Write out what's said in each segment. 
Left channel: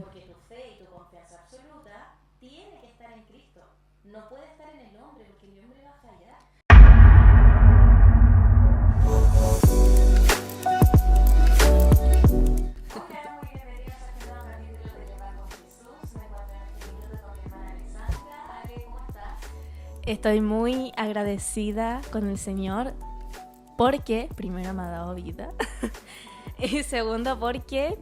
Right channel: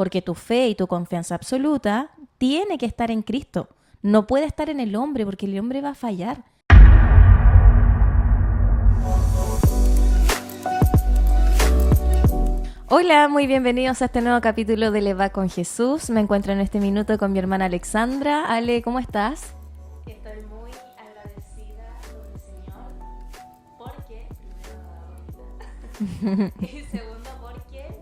porque tu fe y tu confianza absoluta tiene que estar en Cristo. No puede estar en el hombre, porque el hombre va a fallar. Hola, muy bienvenidos a este nuevo capítulo de Le Va con Jesús. Me encuentro en este minuto con mi hermana Alexandra. Ale, ¿cómo estás? Estoy muy agradecida con el Señor porque, primero, me ha dado vida y segundo, porque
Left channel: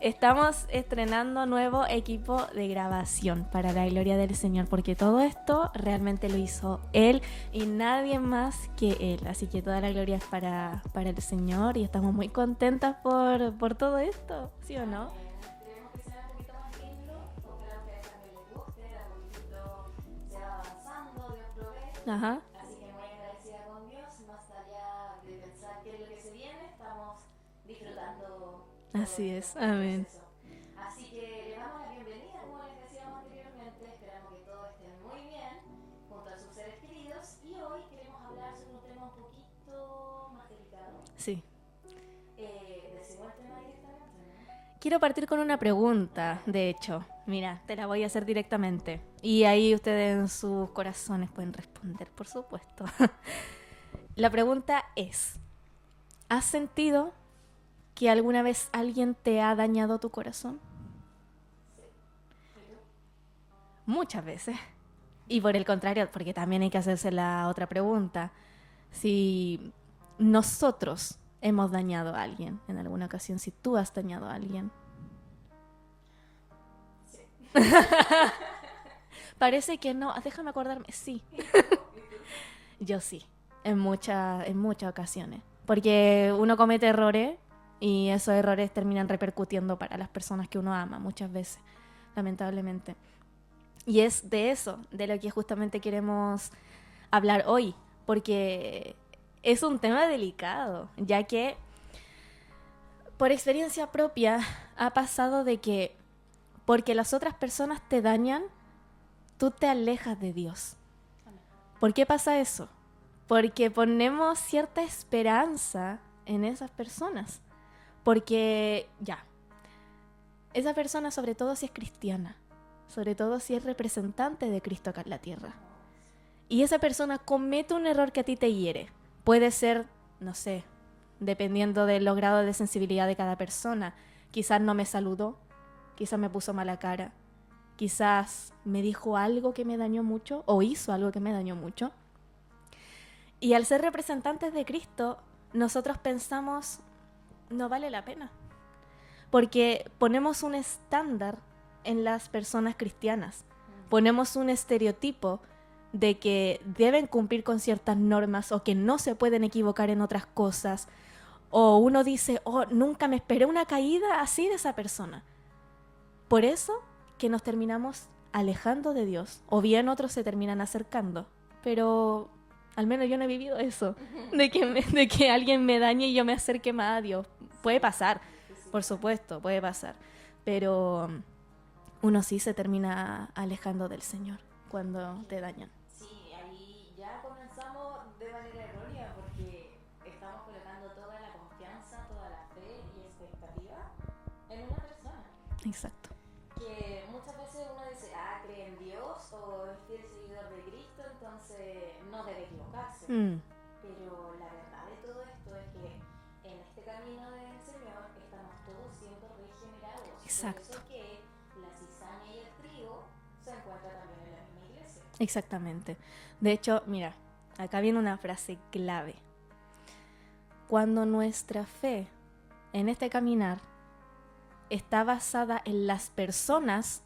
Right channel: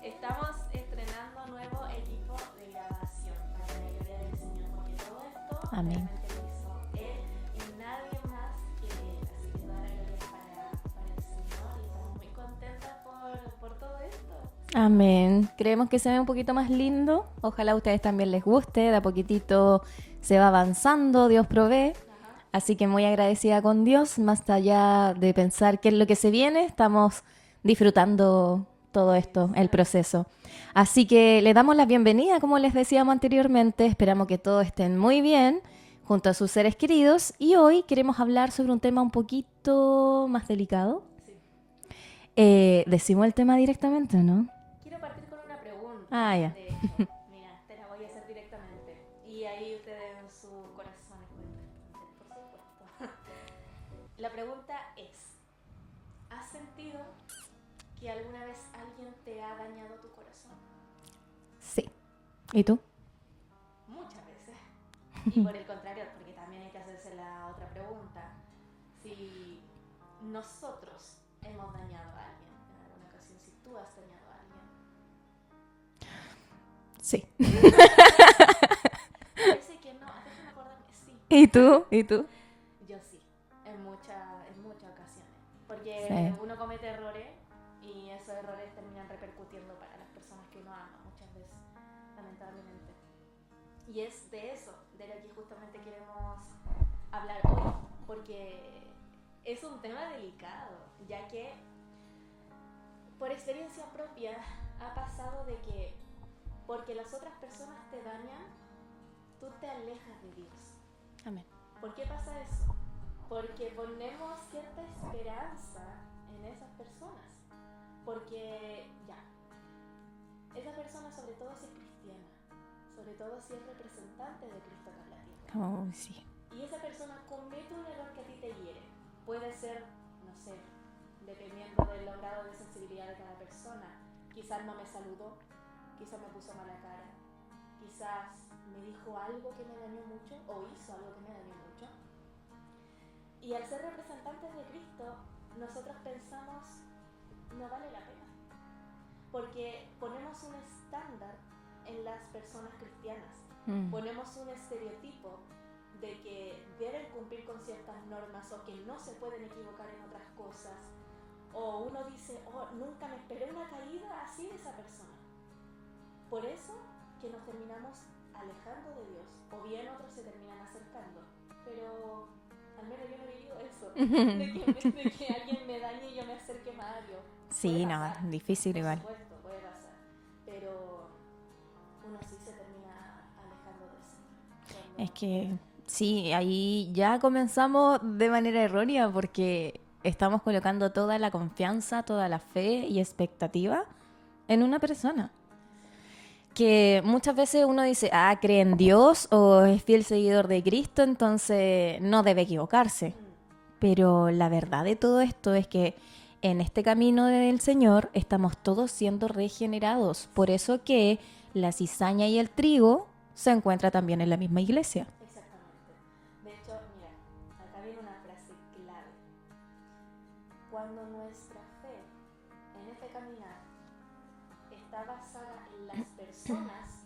estamos estrenando nuevo equipo de grabación para la gloria del Señor, porque todo esto realmente lo hizo Él y nadie más que Él, así que toda la gloria es para el Señor y estamos muy contentas por todo esto. ¿Sí o no? Amén. Creemos que se ve un poquito más lindo. Ojalá a ustedes también les guste. De a poquitito se va avanzando, Dios provee. Ajá. Así que muy agradecida con Dios. Más allá de pensar qué es lo que se viene, estamos disfrutando todo Así esto, es. el Amén. proceso. Así que le damos la bienvenida, como les decíamos anteriormente. Esperamos que todos estén muy bien junto a sus seres queridos. Y hoy queremos hablar sobre un tema un poquito más delicado. Sí. Decimos el tema directamente, ¿no? Quiero partir con una pregunta, Ya. de hecho. Mira, te la voy a hacer directamente. Y ahí ustedes en sus corazones pueden responder, por supuesto. La pregunta es, ¿has sentido que alguna vez alguien te ha dañado tu corazón? Sí. ¿Y tú? Muchas veces. Y por el contrario, porque también hay que hacerse la otra pregunta. Si nosotros hemos dañado a alguien en alguna ocasión, si tú has dañado a alguien. Sí. Parece que no. Déjame acordarme. Sí. ¿Y tú? ¿Y tú? Yo sí. En muchas ocasiones. Porque Sí. uno comete errores y esos errores terminan repercutiendo para las personas que uno ama muchas veces, lamentablemente. Y es de eso, de lo que justamente queremos hablar hoy. Porque es un tema delicado, ya que por experiencia propia ha pasado de que porque las otras personas te dañan, tú te alejas de Dios. Amén. ¿Por qué pasa eso? Porque ponemos cierta esperanza en esas personas. Porque, esa persona, sobre todo si es cristiana, sobre todo si es representante de Cristo acá en la tierra, Oh, sí. y esa persona comete un error que a ti te hiere, puede ser, no sé, dependiendo del grado de sensibilidad de cada persona, quizás no me saludó, quizás me puso mala cara, quizás me dijo algo que me dañó mucho o hizo algo que me dañó mucho. Y al ser representantes de Cristo, nosotros pensamos, no vale la pena. Porque ponemos un estándar en las personas cristianas. Ponemos un estereotipo de que deben cumplir con ciertas normas o que no se pueden equivocar en otras cosas. O uno dice, oh, nunca me esperé una caída así de esa persona. Por eso que nos terminamos alejando de Dios. O bien otros se terminan acercando. Pero al menos yo no he vivido eso. De que alguien me dañe y yo me acerque más a Dios. Puede pasar. No, difícil Por igual. supuesto, puede pasar. Pero uno sí se termina alejando del Señor cuando Es que te dañan. sí, ahí ya comenzamos de manera errónea porque estamos colocando toda la confianza, toda la fe y expectativa en una persona. Exacto. Que muchas veces uno dice, cree en Dios o es fiel seguidor de Cristo, entonces no debe equivocarse. Pero la verdad de todo esto es que en este camino del Señor estamos todos siendo regenerados. Exacto. Por eso que la cizaña y el trigo se encuentran también en la misma iglesia. Exactamente. De hecho, mira, acá viene una frase clave. Cuando nuestra fe en este caminar está basada en las personas,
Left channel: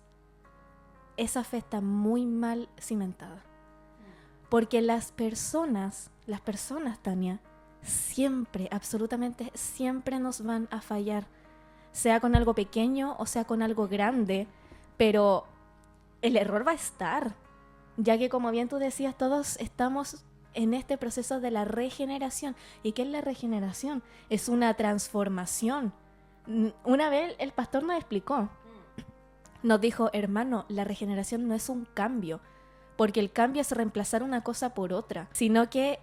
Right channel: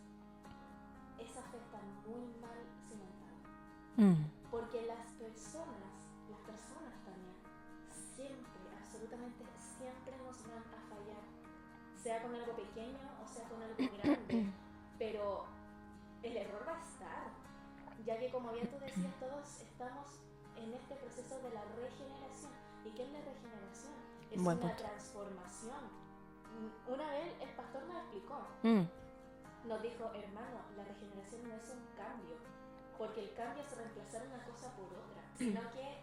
esa fe está muy mal cimentada. Porque las personas, Tania, siempre, absolutamente siempre nos van a fallar. Sea con algo pequeño o sea con algo grande. Pero el error va a estar. Ya que, como bien tú decías, todos estamos en este proceso de la regeneración. ¿Y qué es la regeneración? Es una transformación. Una vez el pastor nos explicó. Nos dijo, hermano, la regeneración no es un cambio. Porque el cambio es reemplazar una cosa por otra. Sino que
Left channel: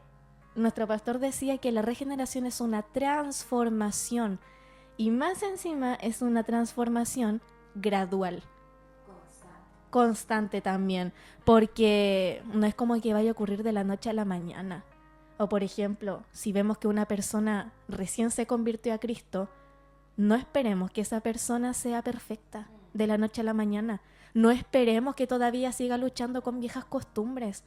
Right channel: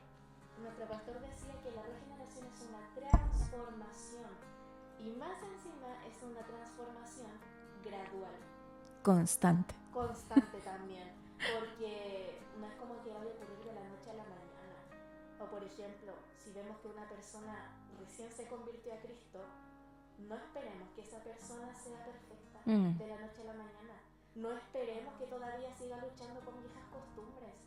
nuestro pastor decía que la regeneración es una transformación. Y más encima es una transformación gradual. Constante también, porque no es como que vaya a ocurrir de la noche a la mañana. O por ejemplo, si vemos que una persona recién se convirtió a Cristo, no esperemos que esa persona sea perfecta de la noche a la mañana. No esperemos que todavía siga luchando con viejas costumbres,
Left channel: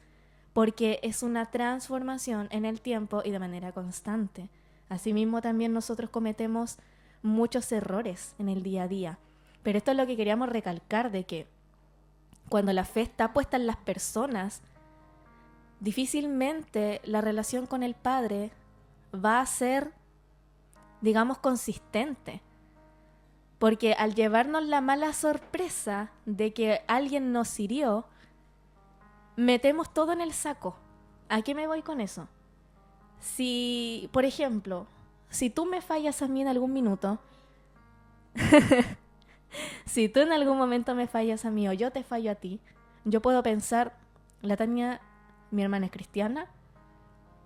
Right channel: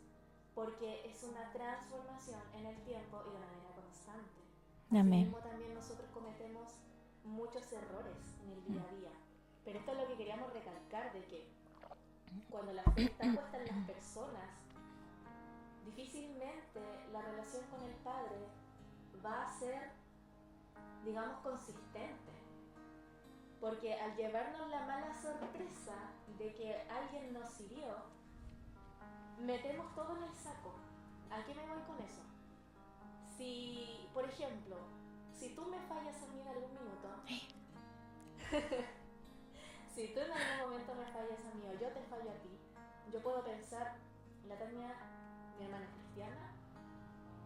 porque es una transformación en el tiempo y de manera constante. Asimismo, también nosotros cometemos muchos errores en el día a día. Pero esto es lo que queríamos recalcar, de que cuando la fe está puesta en las personas, difícilmente la relación con el Padre va a ser, digamos, consistente. Porque al llevarnos la mala sorpresa de que alguien nos hirió, metemos todo en el saco. ¿A qué me voy con eso? Si, por ejemplo, si tú me fallas a mí en algún minuto, si tú en algún momento me fallas a mí o yo te fallo a ti, yo puedo pensar, la Tania, mi hermana es cristiana,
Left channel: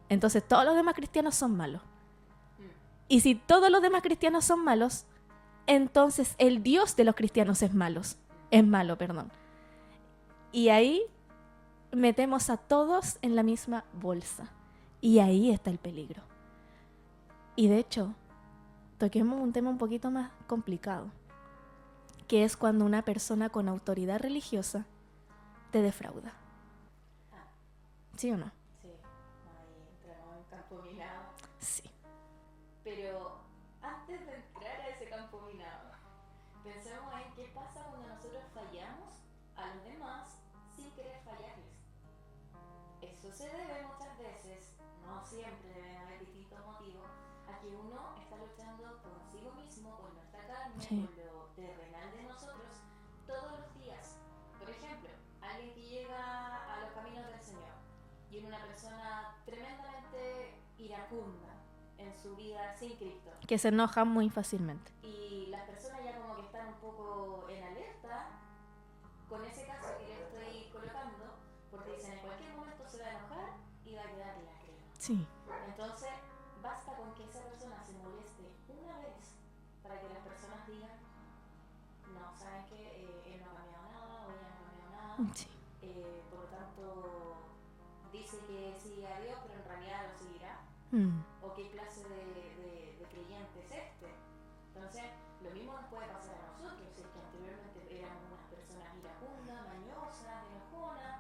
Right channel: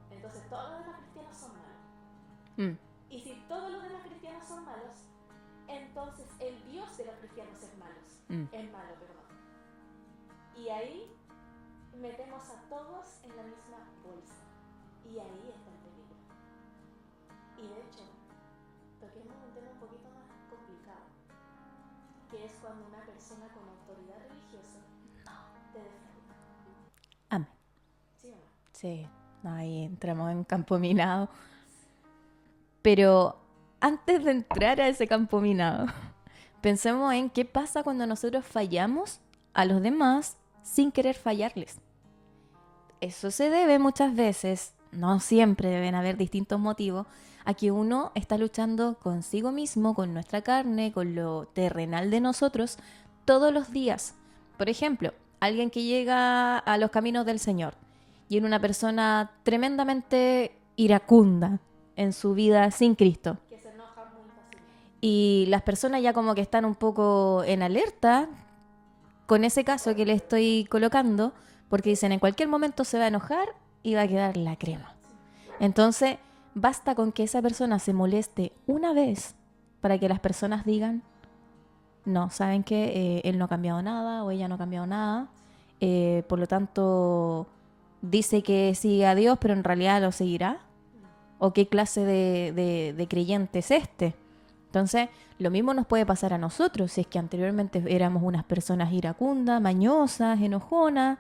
entonces todos los demás cristianos son malos. Y si todos los demás cristianos son malos, entonces el Dios de los cristianos es malo. Y ahí metemos a todos en la misma bolsa. Y ahí está el peligro. Y de hecho, toquemos un tema un poquito más complicado, que es cuando una persona con autoridad religiosa te defrauda. Amén. ¿Sí o no? Sí, ahí entramos en campo minado. Sí. Pero antes de entrar a ese campo minado, pensemos en qué pasa cuando nosotros fallamos a los demás sin querer fallarles. Eso se debe muchas veces, no siempre, deben haber distintos motivos, a que uno está luchando consigo mismo, con nuestra carne, con lo terrenal de nosotros, todos los días. Por ejemplo, alguien que llega a los caminos del Señor y es una persona tremendamente iracunda en su vida sin Cristo. Que se enoja muy fácilmente. Y las personas ya como que están un poco en alerta con ese caso que le estoy colocando, porque dicen en cualquier momento se va a enojar y va a quedar la crema. Sí. Entonces, basta con que esa persona se moleste una vez para que las personas digan, no, saben que él no ha cambiado nada o ella no ha cambiado nada. Sí. Por lo tanto, dice que sigue a Dios, pero en realidad lo seguirá. ¿O qué clase de creyente es este? Entonces, lo mismo nos puede pasar a nosotros, si es que anteriormente éramos unas personas iracundas, mañosas, enojonas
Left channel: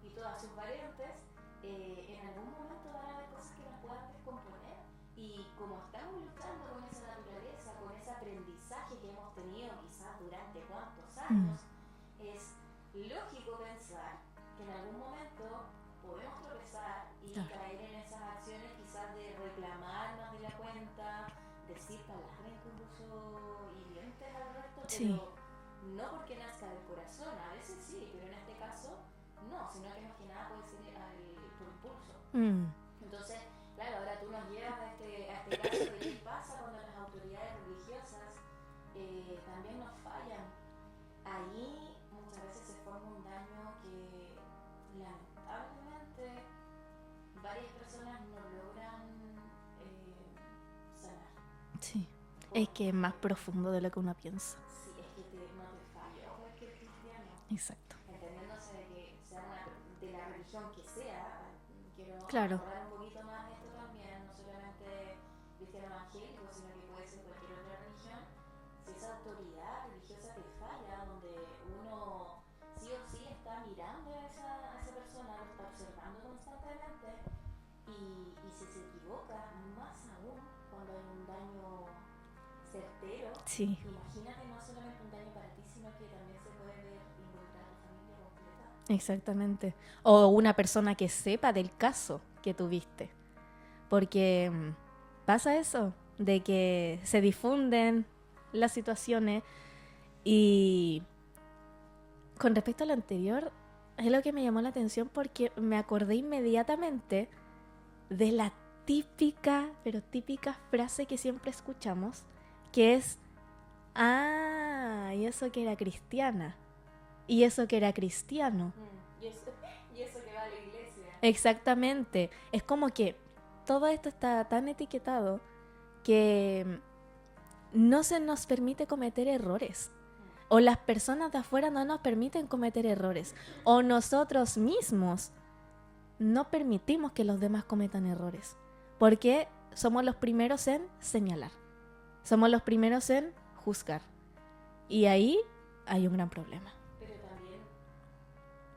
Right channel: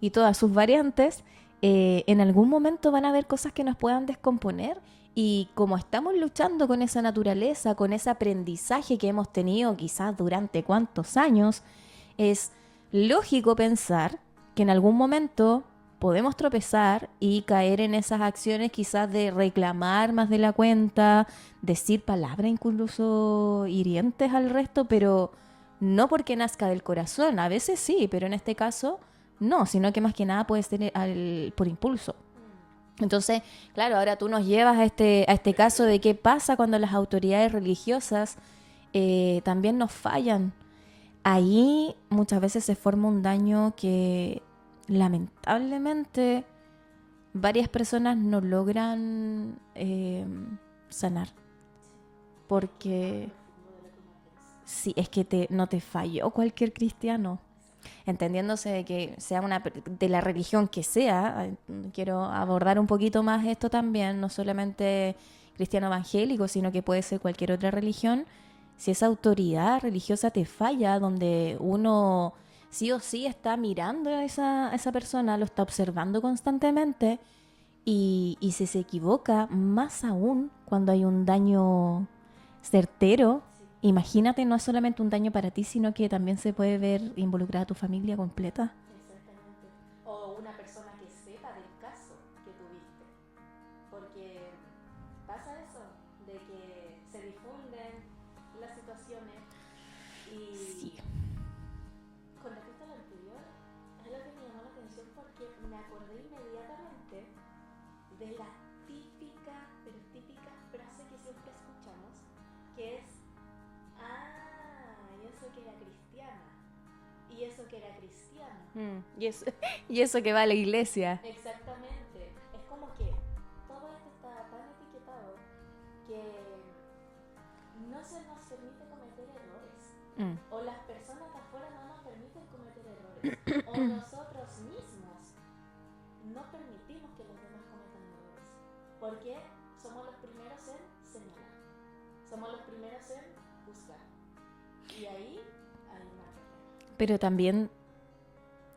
y todas sus variantes. En algún momento van a haber cosas que nos puedan descomponer, y como estamos luchando con esa naturaleza, con ese aprendizaje que hemos tenido quizás durante cuántos años, es lógico pensar que en algún momento podemos tropezar y caer en esas acciones quizás de reclamar más de la cuenta, decir palabras incluso hirientes al resto, pero no porque nazca del corazón. A veces sí, pero en este caso no, sino que más que nada puede ser por impulso. Entonces, claro, ahora tú nos llevas a este caso de qué pasa cuando las autoridades religiosas también nos fallan. Ahí muchas veces se forma un daño que lamentablemente varias personas no logran sanar. Sí. Porque es que es más profundo de lo que uno piensa. Sí, es que no te falló cualquier cristiano. Exacto. Entendiéndose de que sea de la religión que sea. Quiero abordar un poquito más esto también, no solamente cristiano evangélico, sino que puede ser cualquier otra religión. Si esa autoridad religiosa te falla, donde uno sí o sí está mirando a esa persona, lo está observando constantemente, y si se equivoca, más aún cuando hay un daño certero, sí. Imagínate, no es solamente un daño para ti, sino que también se puede ver involucrada a tu familia completa. Exactamente. O una persona que sepa del caso que tuviste. Porque pasa eso, de que se difunden las situaciones. Y con respecto a lo anterior, es lo que me llamó la atención, porque me acordé inmediatamente de la típica frase que siempre escuchamos, que es, y eso que era cristiana, y eso que era cristiano, y eso que va a la iglesia. Exactamente. Es como que todo esto está tan etiquetado que no se nos permite cometer errores. O las personas de afuera no nos permiten cometer errores. O nosotros mismos no permitimos que los demás cometan errores. Porque somos los primeros en señalar. Somos los primeros en juzgar. Y ahí hay un gran problema. Pero también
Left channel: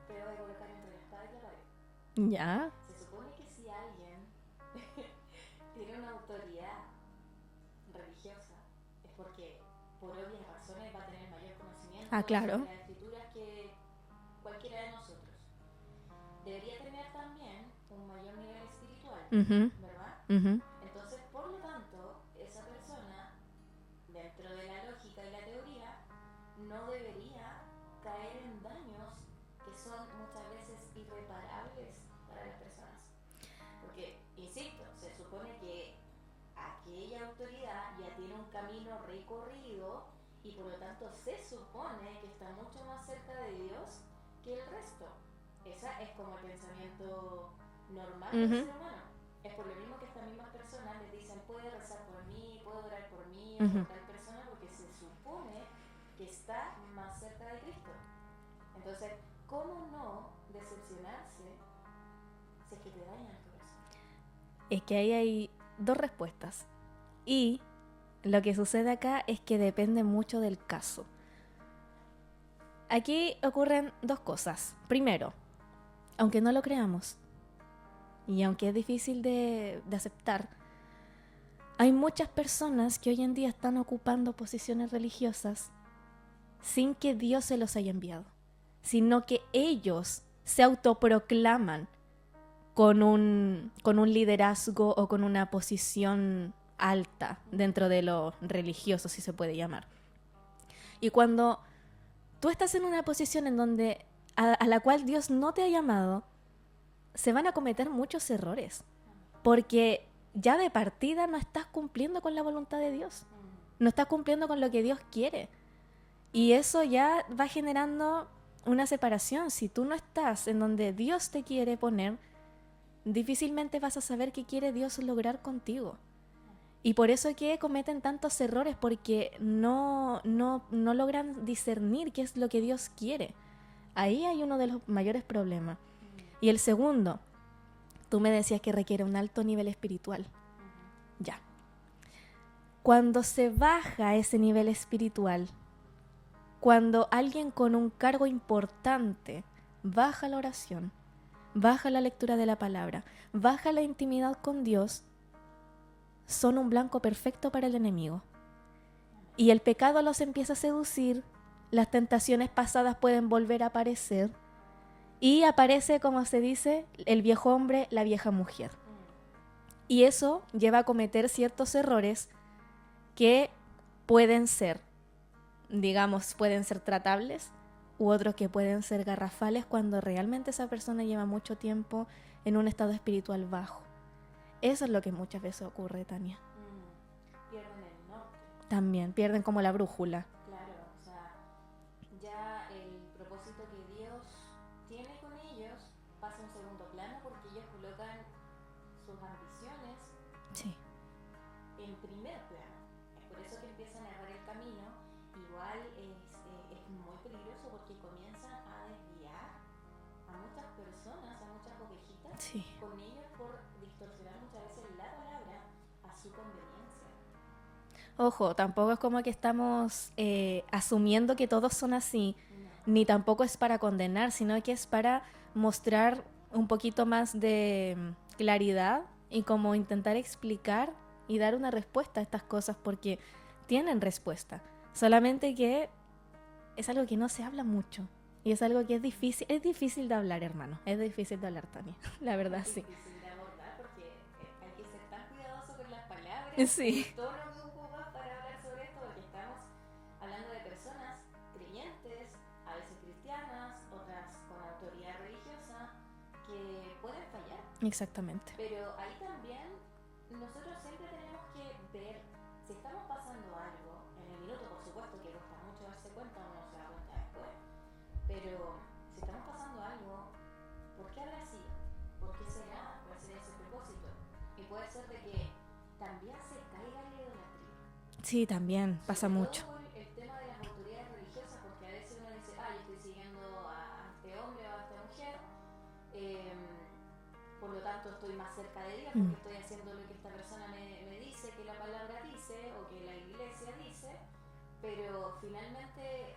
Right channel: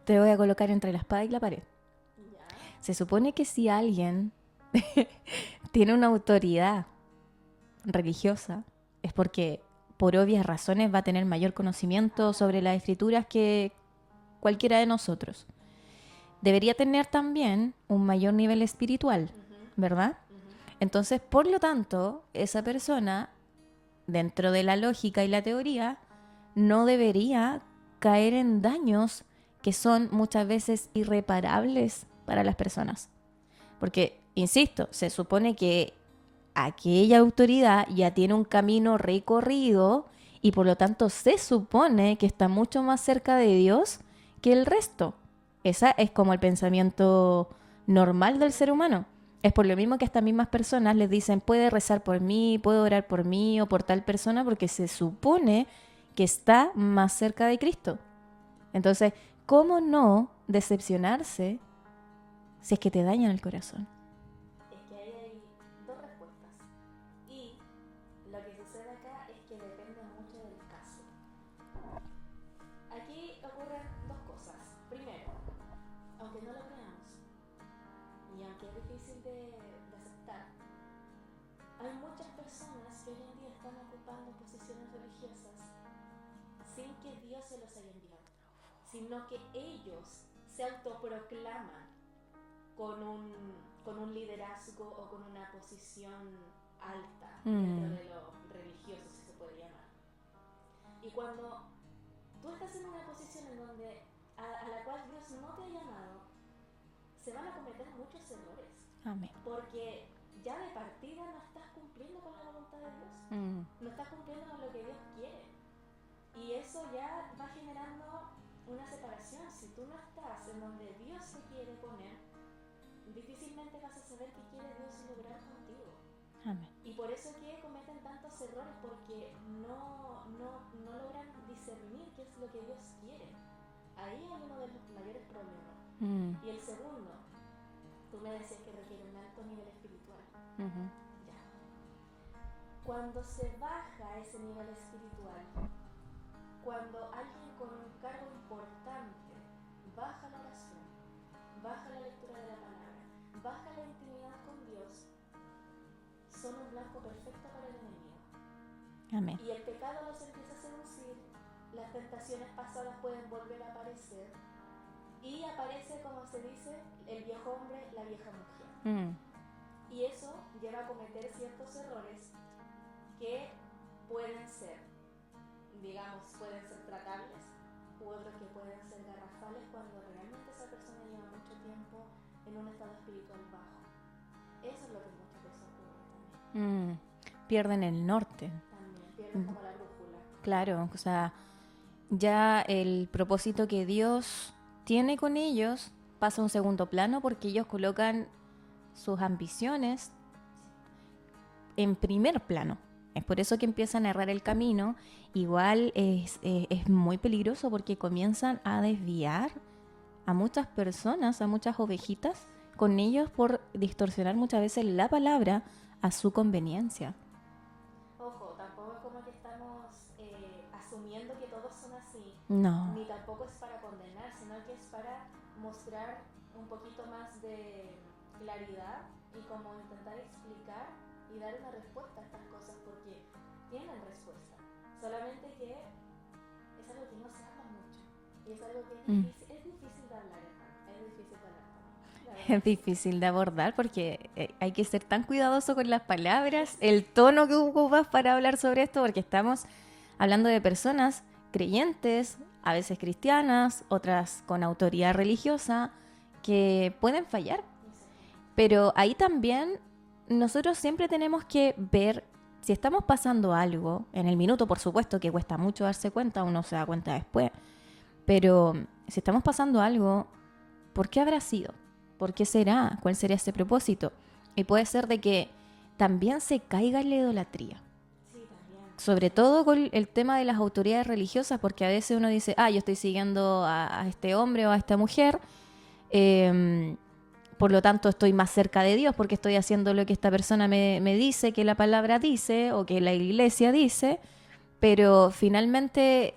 te voy a colocar entre la espada y la pared. Ya. Se supone que si alguien tiene una autoridad religiosa, es porque por obvias razones va a tener mayor conocimiento claro. sobre las escrituras que cualquiera de nosotros. Debería tener también un mayor nivel espiritual, ¿verdad? Entonces, por lo tanto, esa persona, dentro de la lógica y la teoría, no debería caer en daños que son muchas veces irreparables para las personas. Porque, insisto, se supone que aquella autoridad ya tiene un camino recorrido y por lo tanto se supone que está mucho más cerca de Dios que el resto. Esa es como el pensamiento normal del ser humano. Es por lo mismo que a estas mismas personas les dicen, puede rezar por mí, puede orar por mí o por tal persona, porque se supone que está más cerca de Cristo. Entonces, ¿cómo no decepcionarse si es que te dañan el corazón? Es que ahí hay dos respuestas. Y lo que sucede acá es que depende mucho del caso. Aquí ocurren dos cosas. Primero, aunque no lo creamos, y aunque es difícil de aceptar, hay muchas personas que hoy en día están ocupando posiciones religiosas sin que Dios se los haya enviado, sino que ellos se autoproclaman con un liderazgo o con una posición alta dentro de lo religioso, si se puede llamar. Y cuando tú estás en una posición en donde a la cual Dios no te ha llamado, se van a cometer muchos errores. Amén. Porque ya de partida no estás cumpliendo con la voluntad de Dios. No estás cumpliendo con lo que Dios quiere. Y eso ya va generando una separación. Si tú no estás en donde Dios te quiere poner, difícilmente vas a saber qué quiere Dios lograr contigo. Amén. Y por eso es que cometen tantos errores, porque no logran discernir qué es lo que Dios quiere. Ahí hay uno de los mayores problemas. Y el segundo, tú me decías que requiere un alto nivel espiritual. Ya. Cuando se baja ese nivel espiritual, cuando alguien con un cargo importante baja la oración, baja la lectura de la palabra, baja la intimidad con Dios, son un blanco perfecto para el enemigo. Amén. Y el pecado los empieza a seducir, las tentaciones pasadas pueden volver a aparecer y aparece, como se dice, el viejo hombre, la vieja mujer. Y eso lleva a cometer ciertos errores que pueden ser, digamos, pueden ser tratables, u otros que pueden ser garrafales cuando realmente esa persona lleva mucho tiempo en un estado espiritual bajo. Eso es lo que muchas veces ocurre, Tania. Pierden el norte. También, pierden como la brújula. Claro, o sea, ya el propósito que Dios tiene con ellos pasa a un segundo plano porque ellos colocan sus ambiciones en primer plano. Es por eso que empiezan a errar el camino. Igual es muy peligroso porque comienzan a desviar a muchas personas, a muchas ovejitas, con ellos por distorsionar muchas veces la palabra a su conveniencia. Ojo, tampoco es como que estamos asumiendo que todos son así. No. Ni tampoco es para condenar, sino que es para mostrar un poquito más de claridad y como intentar explicar y dar una respuesta a estas cosas, porque tienen respuesta. Solamente que es algo que no se habla mucho. Y es algo que es difícil, es difícil de hablar, hermano. Es difícil de hablar, Tania. La verdad, es difícil de abordar porque hay que ser tan cuidadoso con las palabras, sí. El tono que ocupas para hablar sobre esto, porque estamos hablando de personas creyentes, a veces cristianas, otras con autoridad religiosa, que pueden fallar. Exactamente. Pero ahí también nosotros siempre tenemos que ver si estamos pasando algo, en el minuto por supuesto que cuesta mucho darse cuenta, uno se da cuenta después, pero si estamos pasando algo, ¿por qué habrá sido? ¿Por qué será? ¿Cuál sería ese propósito? Y puede ser de que también se caiga en la idolatría. Sí, también. Sobre pasa todo mucho. con el tema de las autoridades religiosas, porque a veces uno dice, yo estoy siguiendo a este hombre o a esta mujer, por lo tanto estoy más cerca de Dios porque estoy haciendo lo que esta persona me dice, que la palabra dice o que la iglesia dice, pero finalmente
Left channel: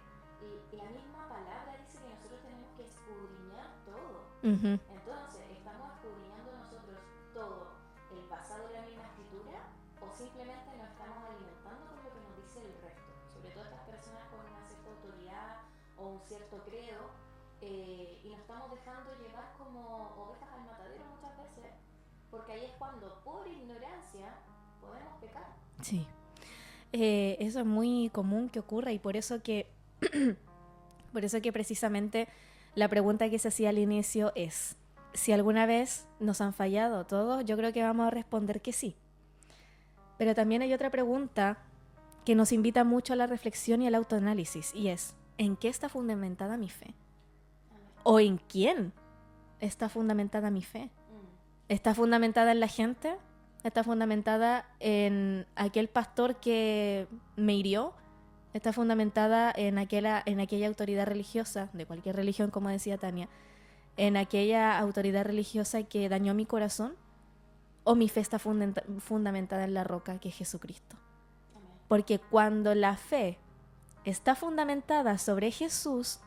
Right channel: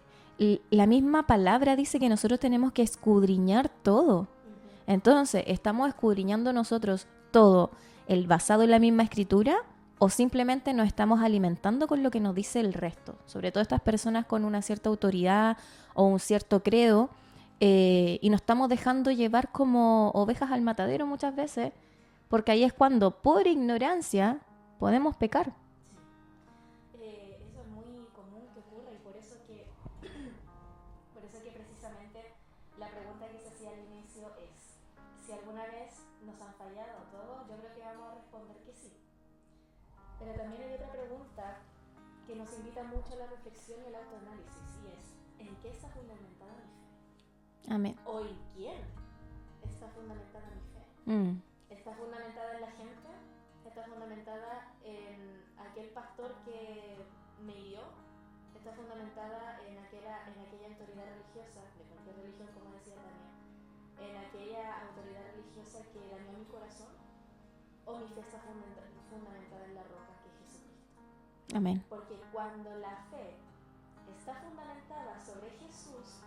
la misma palabra dice que nosotros tenemos que escudriñar todo. Ujú. Entonces, ¿estamos escudriñando nosotros todo el basado en la misma escritura o simplemente nos estamos alimentando con lo que nos dice el resto? Sobre todo estas personas con una cierta autoridad o un cierto credo, y nos estamos dejando llevar como ovejas al matadero muchas veces, porque ahí es cuando por ignorancia podemos pecar. Sí. Eso es muy común que ocurra y por eso que precisamente la pregunta que se hacía al inicio es si alguna vez nos han fallado todos, yo creo que vamos a responder que sí. Pero también hay otra pregunta que nos invita mucho a la reflexión y al autoanálisis y es ¿en qué está fundamentada mi fe? Amén. ¿O en quién está fundamentada mi fe? ¿Está fundamentada en la gente? ¿Está fundamentada en aquel pastor que me hirió? ¿Está fundamentada en aquella autoridad religiosa, de cualquier religión, como decía Tania? ¿En aquella autoridad religiosa que dañó mi corazón? ¿O mi fe está fundamentada en la roca que es Jesucristo? Amén. Porque cuando la fe está fundamentada sobre Jesús,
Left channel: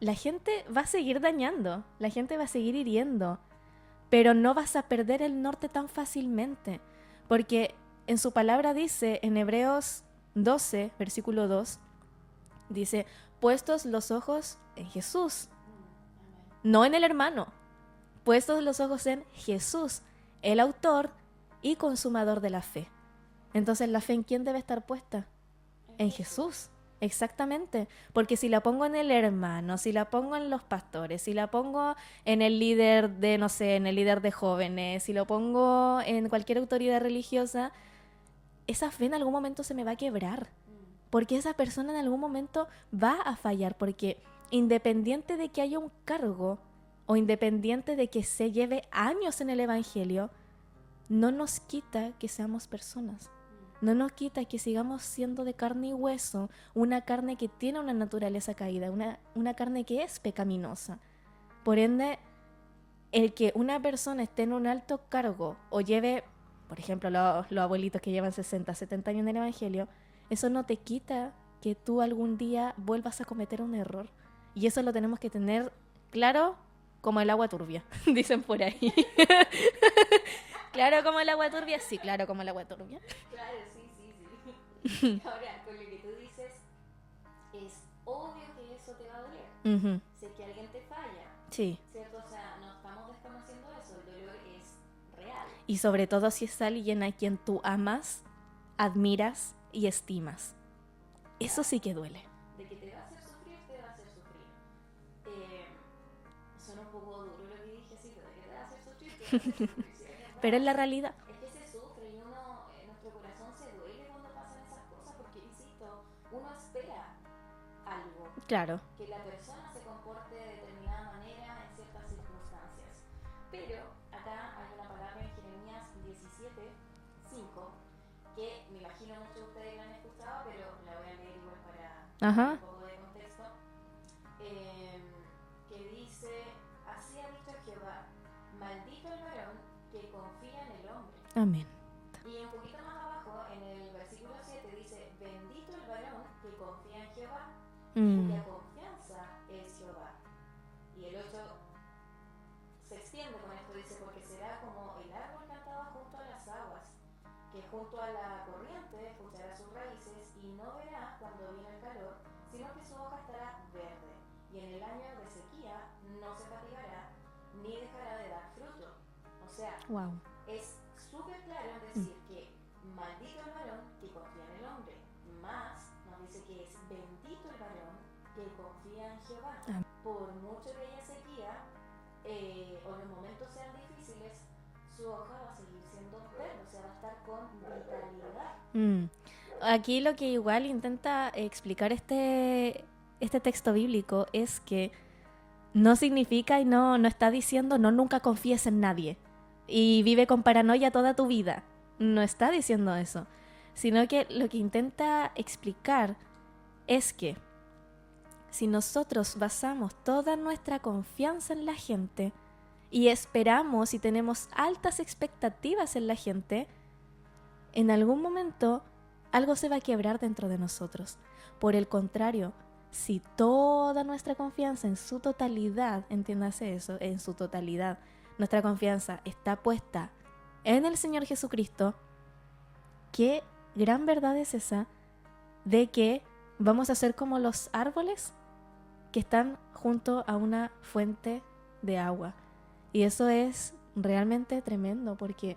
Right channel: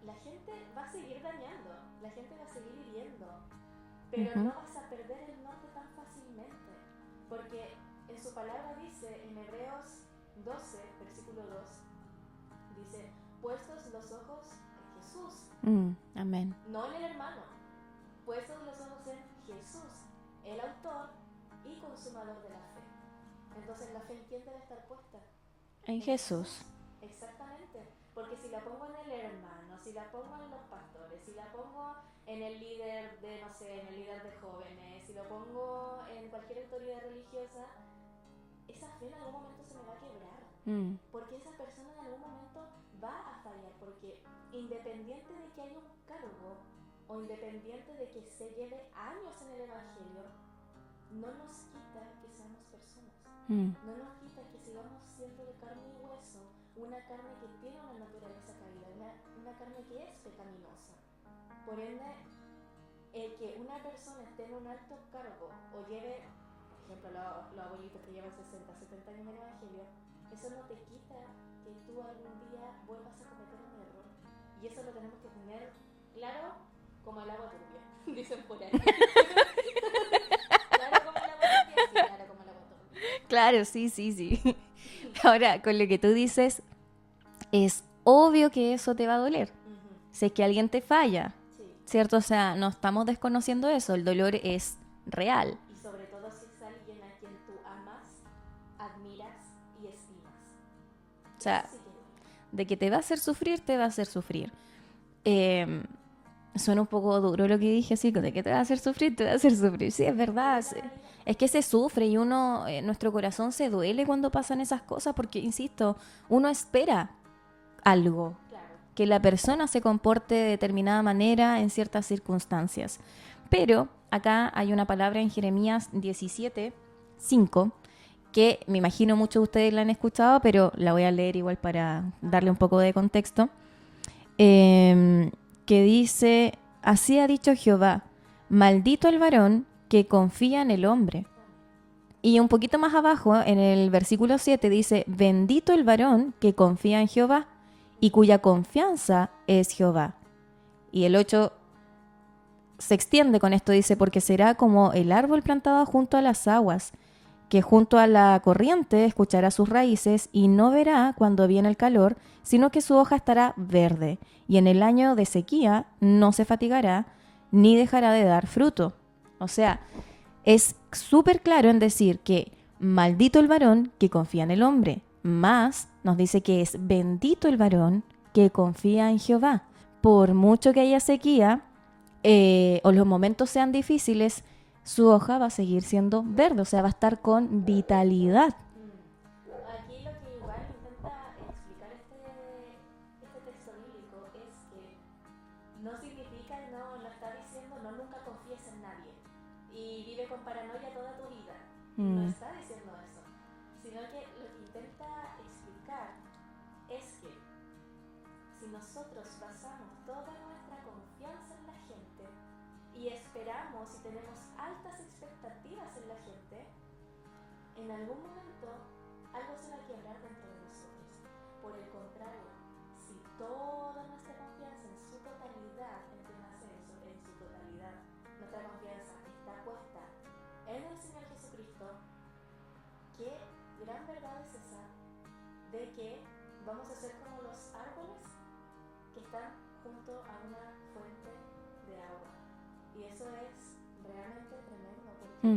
la gente va a seguir dañando, la gente va a seguir hiriendo, pero no vas a perder el norte tan fácilmente, porque en su palabra dice, en Hebreos 12, versículo 2, dice, puestos los ojos en Jesús, Amén. no en el hermano, puestos los ojos en Jesús, el autor y consumador de la fe. Entonces, ¿la fe en quién debe estar puesta? En Jesús. Exactamente, porque si la pongo en el hermano, si la pongo en los pastores, si la pongo en el líder de, no sé, en el líder de jóvenes, si lo pongo en cualquier autoridad religiosa, esa fe en algún momento se me va a quebrar, porque esa persona en algún momento va a fallar, porque independiente de que haya un cargo o independiente de que se lleve años en el evangelio, no nos quita que seamos personas. No nos quita que sigamos siendo de carne y hueso, una carne que tiene una naturaleza caída, una carne que es pecaminosa. Por ende, el que una persona esté en un alto cargo o lleve, por ejemplo, los abuelitos que llevan 60, 70 años en el evangelio, eso no te quita que tú algún día vuelvas a cometer un error. Y eso lo tenemos que tener claro como el agua turbia, dicen por ahí. Claro como el agua turbia, sí, claro como el agua turbia. Claro, sí. Ahora, con lo que tú dices, es obvio que eso te va a doler. Si es que alguien te falla, sí, ¿cierto? O sea, no estamos desconociendo eso, el dolor es real. Y sobre todo si es alguien a quien tú amas, admiras y estimas. O sea, eso sí que duele. De que te va a hacer sufrir, te va a hacer sufrir. Suena un poco duro lo que dije, así, de que te va a hacer sufrir, te va a hacer sufrir. Sí, es verdad. Pero es la realidad. Es que se sufre y uno, nuestro corazón se duele cuando pasan esas cosas porque, insisto, uno espera algo. Claro. Que la persona se comporte de determinada manera en ciertas circunstancias. Pero acá hay una palabra en Jeremías 17:5 que me imagino muchos de ustedes la han escuchado, pero la voy a leer igual para darle un poco de contexto. Que dice, así ha dicho Jehová, maldito el varón que confía en el hombre. Amén. Y un poquito más abajo, en el versículo 7, dice, bendito el varón que confía en Jehová y cuya confianza es Jehová. Y el 8 se extiende con esto, dice, porque será como el árbol plantado junto a las aguas, que junto a la corriente escuchará sus raíces y no verá cuando viene el calor, sino que su hoja estará verde, y en el año de sequía no se fatigará, ni dejará de dar fruto. O sea, es súper claro en decir que maldito el varón que confía en el hombre, más nos dice que es bendito el varón que confía en Jehová. Por mucho que haya sequía o los momentos sean difíciles, su hoja va a seguir siendo verde, o sea, va a estar con vitalidad. Aquí lo que igual intenta explicar este texto bíblico es que no significa y no está diciendo no nunca confíes en nadie y vive con paranoia toda tu vida. No está diciendo eso. sino que lo que intenta explicar es que si nosotros basamos toda nuestra confianza en la gente y esperamos y tenemos altas expectativas en la gente, en algún momento algo se va a quebrar dentro de nosotros. Por el contrario, si toda nuestra confianza en su totalidad, entiéndase eso, en su totalidad, nuestra confianza está puesta en el Señor Jesucristo, qué gran verdad es esa de que vamos a ser como los árboles que están junto a una fuente de agua. Y eso es realmente tremendo porque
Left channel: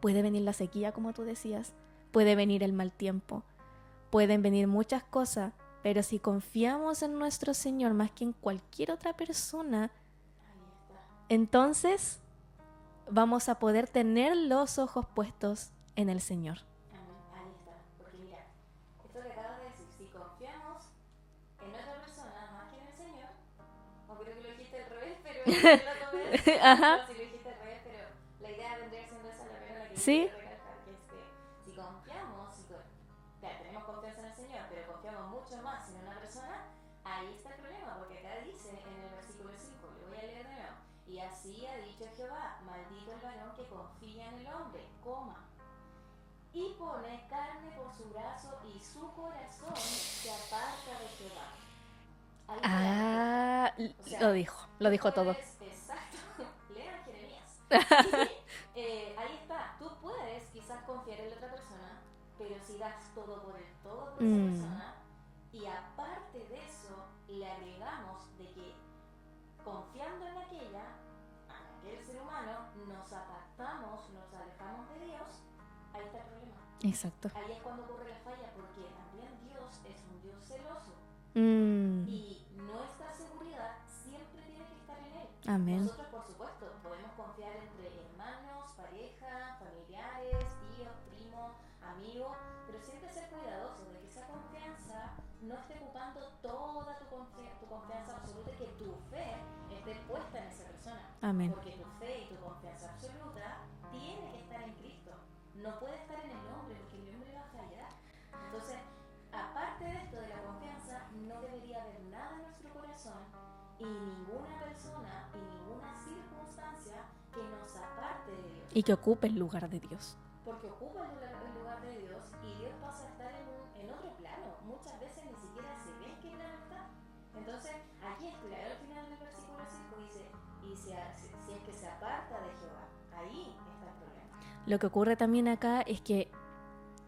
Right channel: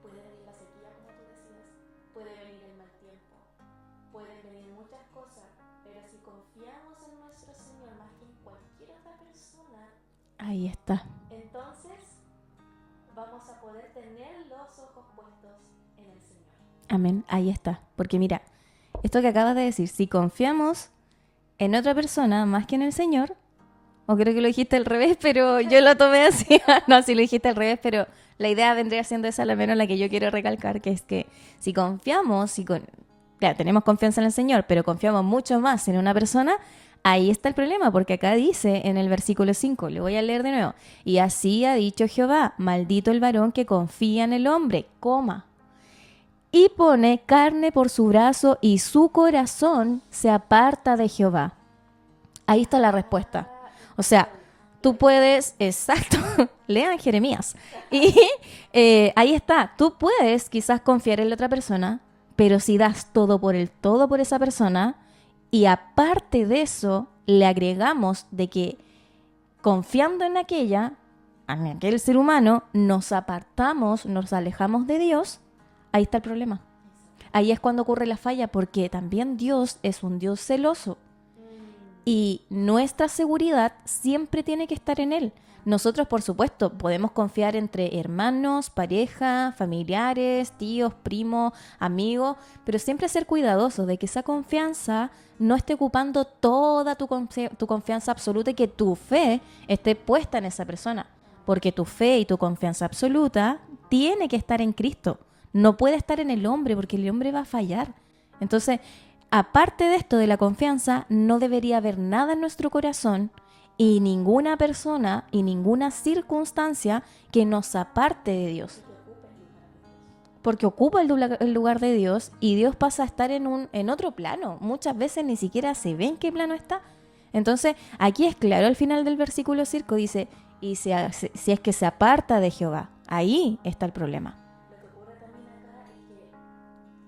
puede venir la sequía, como tú decías, puede venir el mal tiempo, pueden venir muchas cosas, pero si confiamos en nuestro Señor más que en cualquier otra persona, ahí está. Entonces vamos a poder tener los ojos puestos en el Señor. Amén, ahí está. Porque mira, esto que acabas de decir, si confiamos en otra persona más que en el Señor, o creo que lo dijiste al revés, pero yo lo tomé así. No, sí lo dijiste al revés, pero la idea vendría siendo esa, al menos la que yo quiero recalcar, que es que si confiamos, claro, tenemos confianza en el Señor, pero confiamos mucho más en una persona, ahí está el problema, porque acá dice en el versículo 5, le voy a leer de nuevo, y así ha dicho Jehová, maldito el varón que confía en el hombre, y pone carne por su brazo y su corazón se aparta de Jehová. Ahí está la respuesta. O sea, tú puedes, exacto, lean Jeremías. Y ahí está, tú puedes quizás confiar en la otra persona, pero si das todo por esa persona, y aparte de eso, le agregamos de que confiando en aquel ser humano, nos apartamos, nos alejamos de Dios, ahí está el problema. Exacto. Ahí es cuando ocurre la falla, porque también Dios es un Dios celoso. Y nuestra seguridad siempre tiene que estar en Él. Amén. Nosotros, por supuesto, podemos confiar entre hermanos, pareja, familiares, tíos, primos, amigos, pero siempre ser cuidadosos de que esa confianza no esté ocupando toda tu confianza absoluta y que tu fe esté puesta en esa persona. Amén. Porque tu fe y tu confianza absoluta tiene que estar en Cristo. No puede estar en el hombre, porque el hombre va a fallar. Entonces, aparte de esto de la confianza, no debería haber nada en nuestro corazón y ninguna persona y ninguna circunstancia que nos aparte de Dios. Y que ocupe el lugar de Dios. Porque ocupa el lugar de Dios y Dios pasa a estar en otro plano. Muchas veces ni siquiera se ve en qué plano está. Entonces, aquí es claro al final del versículo 5, dice, y si es que se aparta de Jehová, ahí está el problema. Lo que ocurre también acá es que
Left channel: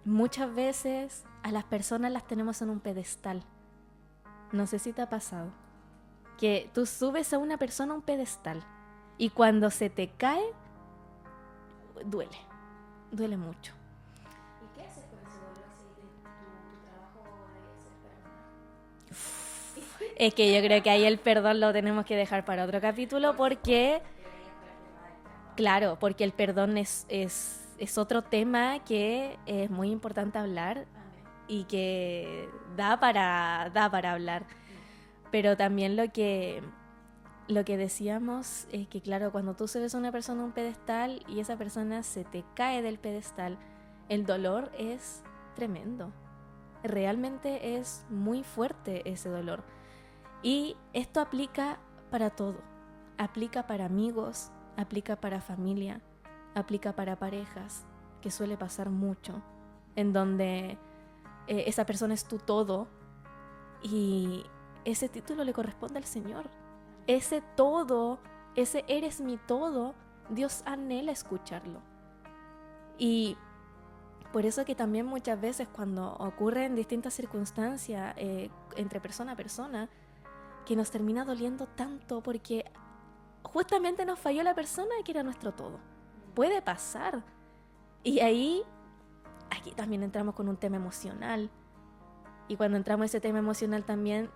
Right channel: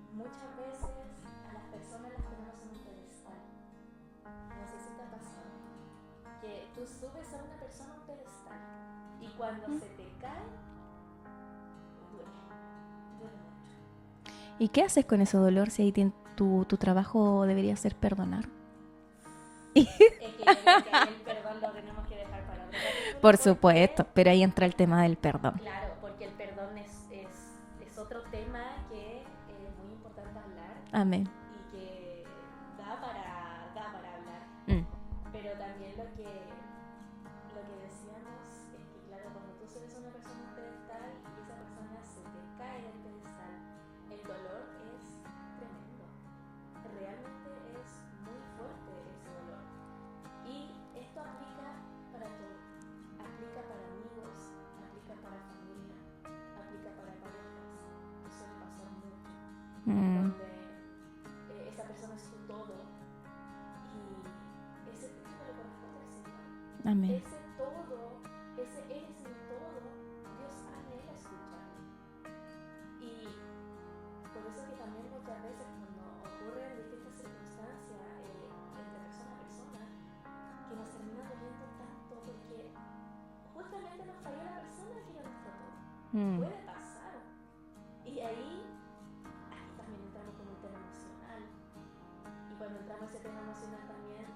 muchas veces a las personas las tenemos en un pedestal. No sé si te ha pasado. Que tú subes a una persona a un pedestal y cuando se te cae, duele mucho. ¿Y qué haces con ese dolor si ahí tu trabajo debería ser perdonar? Es que yo creo que ahí el perdón lo tenemos que dejar para otro capítulo. Por supuesto, pero ahí entra el tema del perdón. Claro, porque el perdón es otro tema que es muy importante hablar. Amén. Y que da para hablar. Pero también lo que decíamos es que, claro, cuando tú subes a una persona a un pedestal y esa persona se te cae del pedestal, el dolor es tremendo. Realmente es muy fuerte ese dolor. Y esto aplica para todo. Aplica para amigos, aplica para familia, aplica para parejas, que suele pasar mucho, en donde esa persona es tu todo y ese título le corresponde al Señor. Amén. Ese todo, ese eres mi todo, Dios anhela escucharlo. Y por eso que también muchas veces cuando ocurren distintas circunstancias entre persona a persona, que nos termina doliendo tanto porque justamente nos falló la persona que era nuestro todo. Puede pasar. Y aquí también entramos con un tema emocional. Y cuando entramos en ese tema emocional también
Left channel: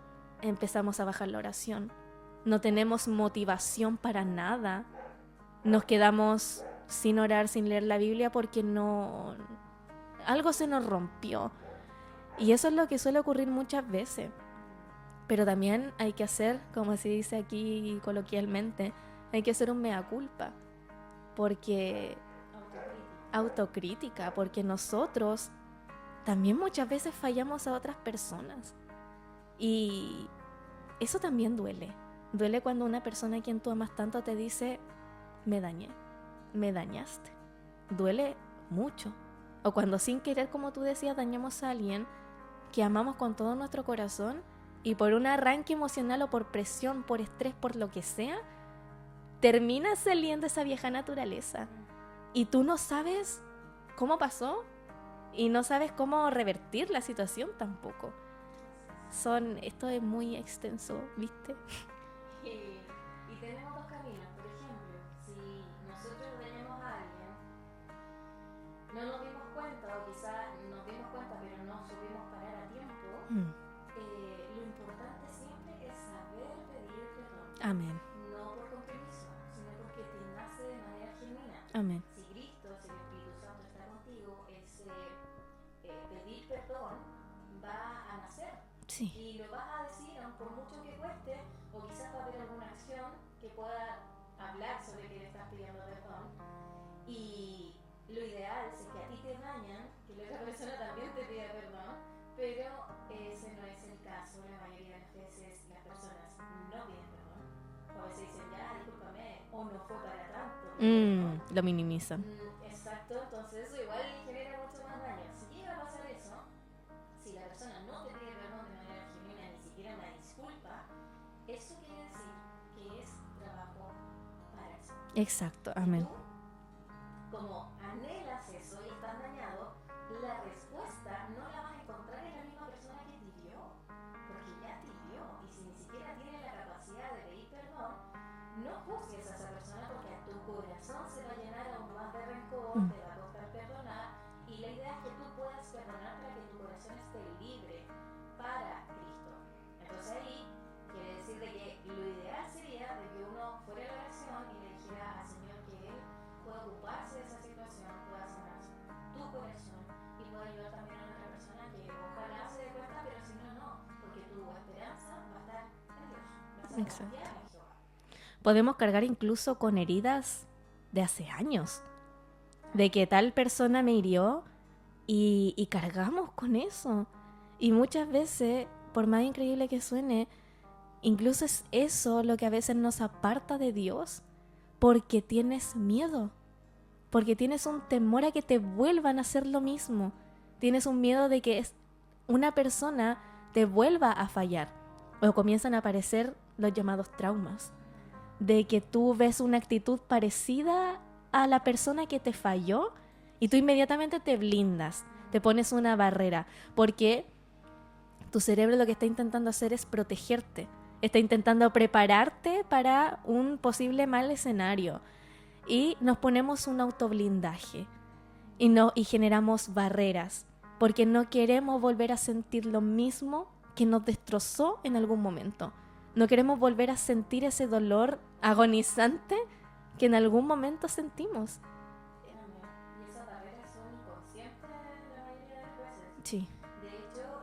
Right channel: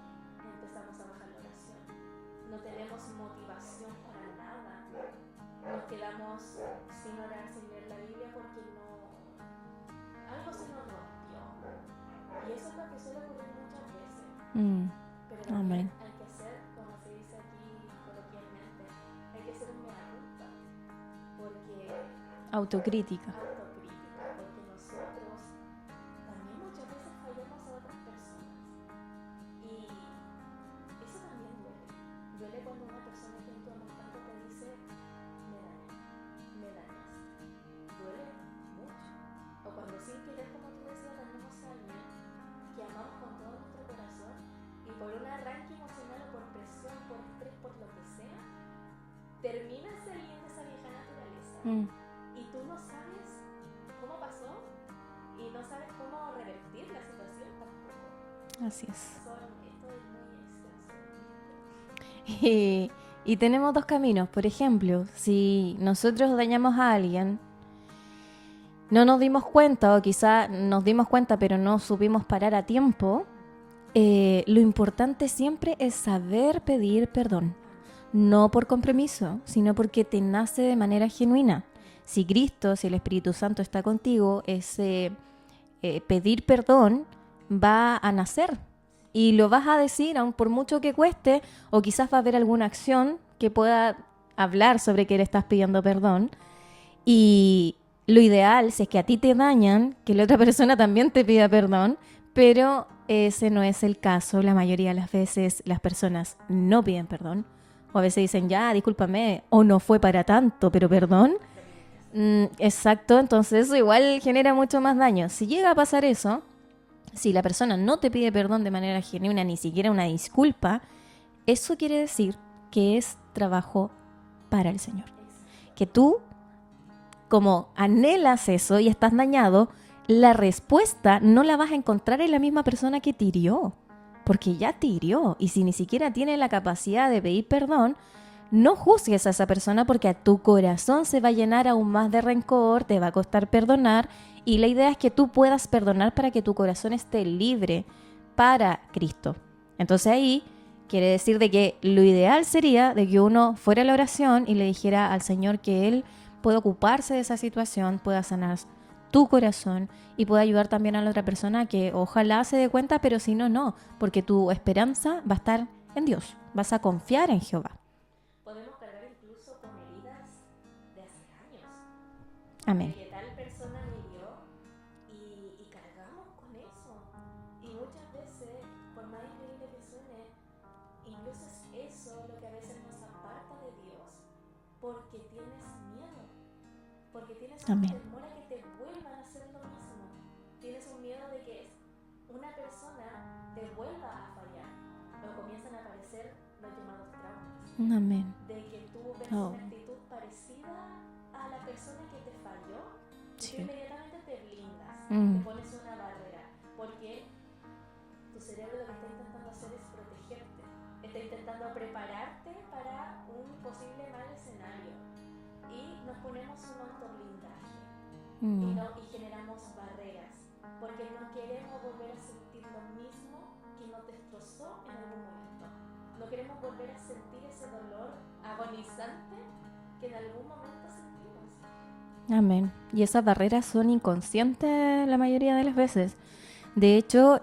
empezamos a bajar la oración. No tenemos motivación para nada. Nos quedamos sin orar, sin leer la Biblia porque algo se nos rompió. Y eso es lo que suele ocurrir muchas veces. Pero también hay que hacer, como se dice aquí coloquialmente, hay que hacer un mea culpa. Porque Autocrítica, porque nosotros también muchas veces fallamos a otras personas. Y eso también duele. Duele cuando una persona a quien tú amas tanto te dice, me dañé, me dañaste. Duele mucho. O cuando sin querer, como tú decías, dañamos a alguien que amamos con todo nuestro corazón y por un arranque emocional o por presión, por estrés, por lo que sea, termina saliendo esa vieja naturaleza. Y tú no sabes cómo pasó y no sabes cómo revertir la situación tampoco. Así es. Esto es muy extenso, ¿viste? Y tenemos dos caminos. Por ejemplo, si nosotros dañamos a alguien, no nos dimos cuenta, o quizá nos dimos cuenta pero no supimos parar a tiempo, lo importante siempre es saber pedir perdón. Amén. No por compromiso, sino porque te nace de manera genuina. Amén. Si Cristo, si el Espíritu Santo está contigo, ese pedir perdón va a nacer. Sí. Y lo vas a decir, aun por mucho que cueste, o quizás va a haber alguna acción que pueda hablar sobre que le estás pidiendo perdón. Y lo ideal, si es que a ti te dañan, que la otra persona también te pida perdón, pero ese no es el caso. La mayoría de las veces las personas no piden perdón. O a veces dicen, ya, discúlpame, o no fue para tanto, pero perdón. Lo minimizan. Exacto, entonces eso igual genera mucho más daño. Si llega a pasar eso, si la persona no te pide perdón de manera genuina, ni siquiera una disculpa, eso quiere decir que es trabajo para el Señor. Exacto. Que amén. tú, como anhelas eso y estás dañado, la respuesta no la vas a encontrar en la misma persona que te hirió, porque ya te hirió. Y si ni siquiera tiene la capacidad de pedir perdón, no juzgues a esa persona, porque a tu corazón se va a llenar aún más de rencor, te va a costar perdonar. Y la idea es que tú puedas perdonar para que tu corazón esté libre para Cristo. Entonces ahí quiere decir de que lo ideal sería de que uno fuera a la oración y le dijera al Señor que Él pueda ocuparse de esa situación, pueda sanar tu corazón y pueda ayudar también a la otra persona que ojalá se dé cuenta, pero si no, no, porque tu esperanza va a estar en Dios, vas a confiar en Jehová. Podemos cargar incluso con heridas de hace años. Amén. De que tal persona me hirió y cargamos con eso. Y muchas veces, por más increíble que suene, incluso es eso lo que a veces nos aparta de Dios, porque tienes miedo, porque tienes un Amén. temor a que te vuelvan a hacer lo mismo. Tienes un miedo de que una persona te vuelva a fallar, o comienzan a aparecer los llamados traumas. Amén. De que tú ves una actitud parecida a la persona que te falló y tú inmediatamente te blindas, te pones una barrera, porque tu cerebro lo que está intentando hacer es protegerte, está intentando prepararte para un posible mal escenario, y nos ponemos un autoblindaje y generamos barreras porque no queremos volver a sentir lo mismo que nos destrozó en algún momento. No queremos volver a sentir ese dolor agonizante que en algún momento sentimos. Amén. Y esas barreras son inconscientes la mayoría de las veces. Sí. De hecho,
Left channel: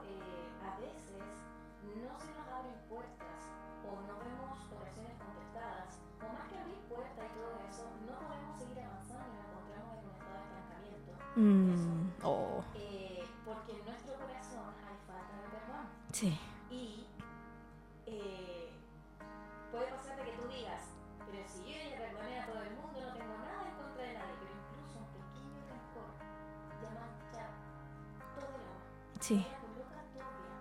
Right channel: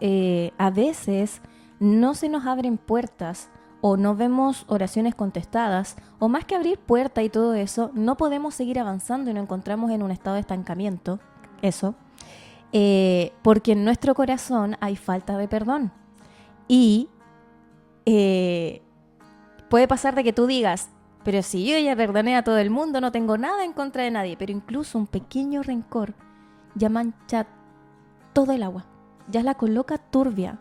a veces no se nos abren puertas o no vemos oraciones contestadas, o más que abrir puerta y todo eso, no podemos seguir avanzando y nos encontramos en un estado de estancamiento. Eso. Porque en nuestro corazón hay falta de perdón. Sí. Y puede pasar de que tú digas, pero si yo ya perdoné a todo el mundo, no tengo nada en contra de nadie, pero incluso un pequeño rencor ya mancha todo el agua, ya la coloca turbia.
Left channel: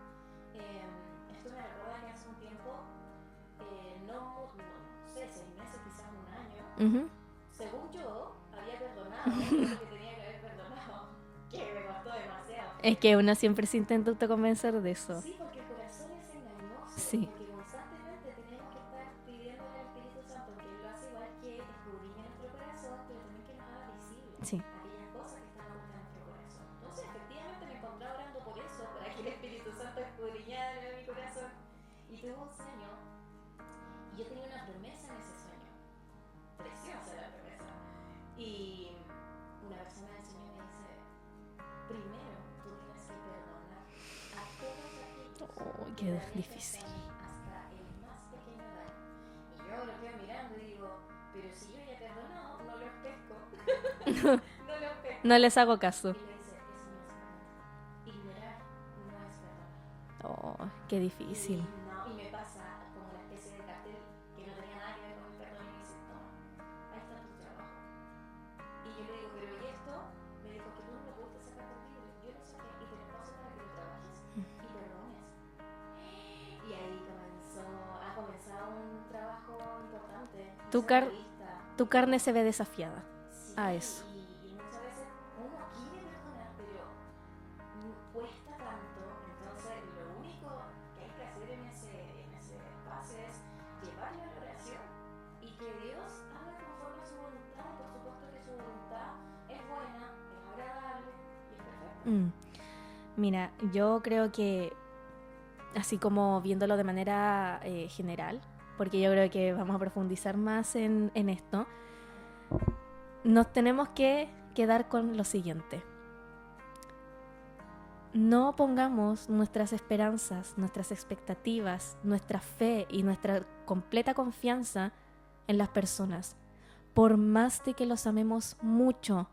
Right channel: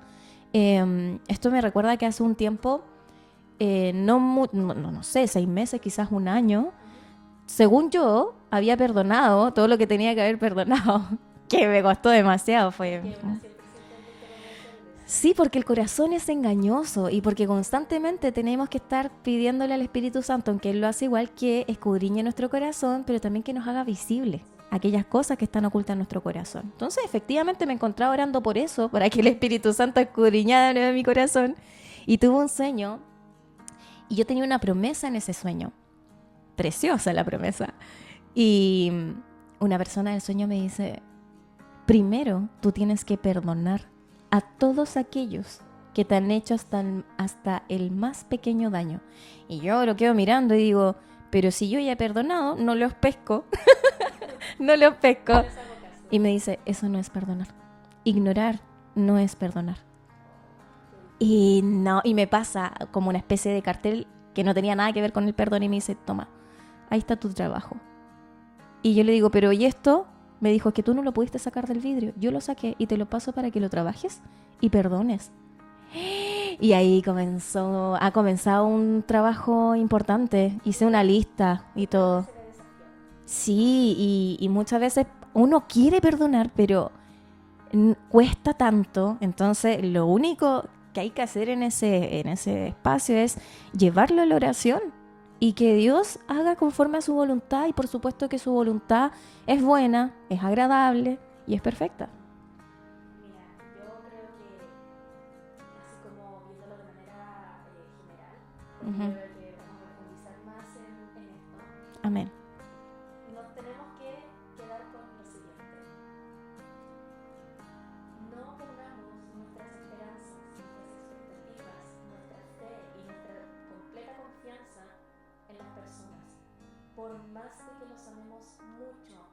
Esto me recuerda que hace un tiempo, no sé, 6 meses, quizás un año, según yo, había perdonado todo lo que tenía que haber perdonado. Que me costó demasiado. Es que uno siempre se intenta autoconvencer de eso. Sí, porque el corazón es engañoso, Sí. y porque constantemente tenemos que estar pidiéndole al Espíritu Santo, aunque Él lo hace igual, que escudriñe nuestro corazón, pero también que nos haga visible aquellas cosas que están ocultas en nuestro corazón. Entonces, efectivamente, me encontraba orando por eso, para que el Espíritu Santo escudriñara de nuevo mi corazón, y tuve un sueño, y yo tenía una promesa en ese sueño. Preciosa la promesa. Y una persona del sueño me dice: primero, tú tienes que perdonar a todos aquellos que te han hecho hasta el más pequeño daño. Y yo lo quedo mirando y digo, pero si yo ya he perdonado, no los pesco. no los pesco. No les hago caso. Y me dice, eso no es perdonar. Ignorar no es perdonar. Oh, qué difícil. Y no, y me pasa como una especie de cartel que no tenía nada que ver con el perdón y me dice, toma, ahí está tu trabajo. Y yo le digo, pero ¿y esto? Me dijo, es que tú no lo pudiste sacar del vidrio. Yo lo saqué y te lo paso para que lo trabajes y perdones. Y ahí ha comenzado un trabajo importante. Hice una lista y tu carne todo. se ve desafiada. Sí, y muchas veces uno quiere perdonar, pero cuesta tanto. Entonces, lo único que hay que hacer en ese espacio es llevarlo a la oración y que Dios haga conforme a su voluntad. Y por supuesto que su voluntad es buena, es agradable y es perfecta. Mira, yo creo que, así como viéndolo de manera general, porque yo creo que vamos a profundizar más en esto. Amén. Nos tenemos que quedar con lo siguiente. No pongamos nuestras esperanzas, nuestras expectativas, nuestra fe y nuestra completa confianza en las personas. Por más de que los amemos mucho,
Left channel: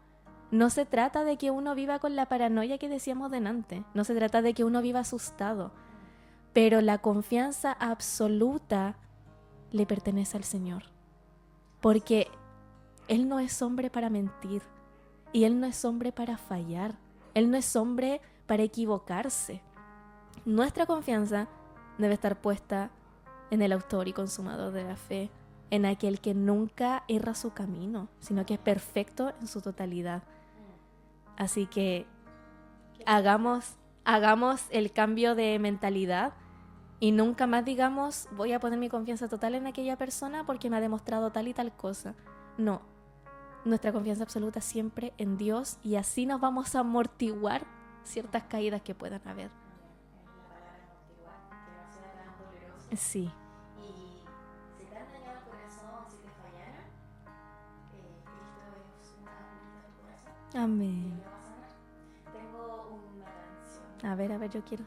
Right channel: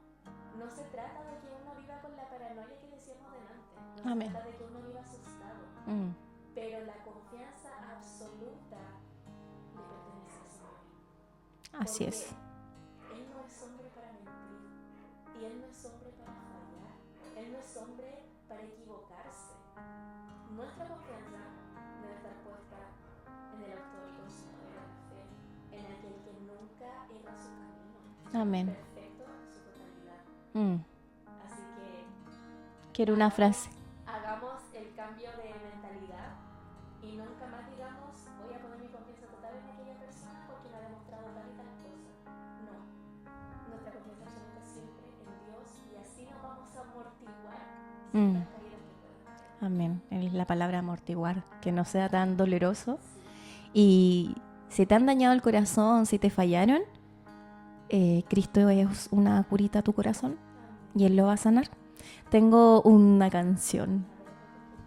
no se trata de que uno viva con la paranoia que decíamos delante. No se trata de que uno viva asustado. Pero la confianza absoluta le pertenece al Señor. Porque Él no es hombre para mentir. Y Él no es hombre para fallar. Él no es hombre para equivocarse. Nuestra confianza debe estar puesta en el autor y consumador de la fe, en aquel que nunca erra su camino, sino que es perfecto en su totalidad. Así que hagamos el cambio de mentalidad y nunca más digamos, voy a poner mi confianza total en aquella persona porque me ha demostrado tal y tal cosa. No, nuestra confianza absoluta siempre en Dios, y así nos vamos a amortiguar ciertas caídas que puedan haber. Amén. Es la palabra amortiguar, que no sea tan doloroso. Sí. Y si te han dañado el corazón, si te fallaron, Cristo es una curita a tu corazón. Amén. Y Él lo va a sanar. Tengo una canción. A ver, yo quiero.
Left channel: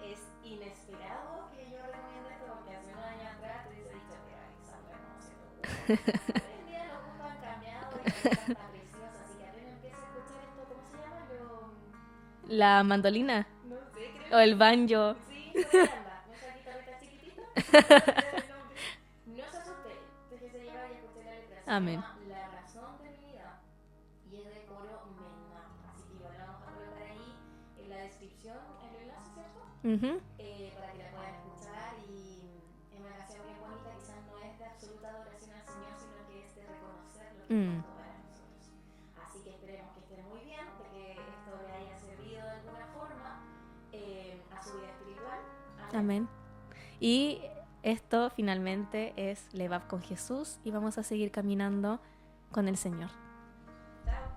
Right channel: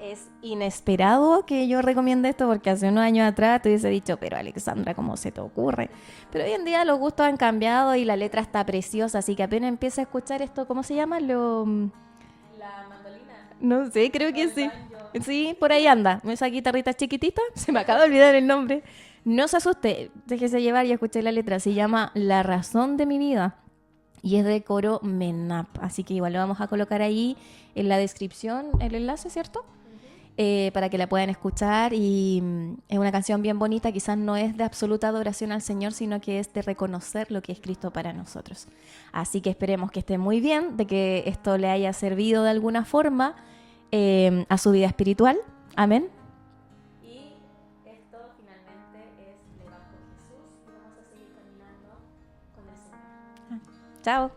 Es inesperado que yo recomiende esto, porque hace unos años atrás te hubiese dicho, pero Alexandra, ¿cómo se te ocurre? Pero hoy en día los gustos han cambiado y la letra está preciosa, así que apenas empieza a escuchar esto, ¿cómo se llama? La mandolina. No sé, creo que o el sí. banjo. Sí, por ahí anda. Esa guitarrita chiquitita, se me acaba de olvidar el nombre. No se asuste, déjese llevar y escuche la letra. Se llama La razón de mi vida y es de coro Menap. Así que igual lo vamos a colocar ahí en la descripción, el enlace, ¿cierto? Para que la puedan escuchar. Y es una canción bien bonita. Quizás no es de absoluta adoración al Señor, sino que es de reconocer lo que es Cristo para nosotros. Así que esperemos que esté muy bien, de que esto le haya servido de alguna forma a su vida espiritual. Amén. Amén. Y esto finalmente es Levav con Jesús, y vamos a seguir caminando con el Señor. Chao.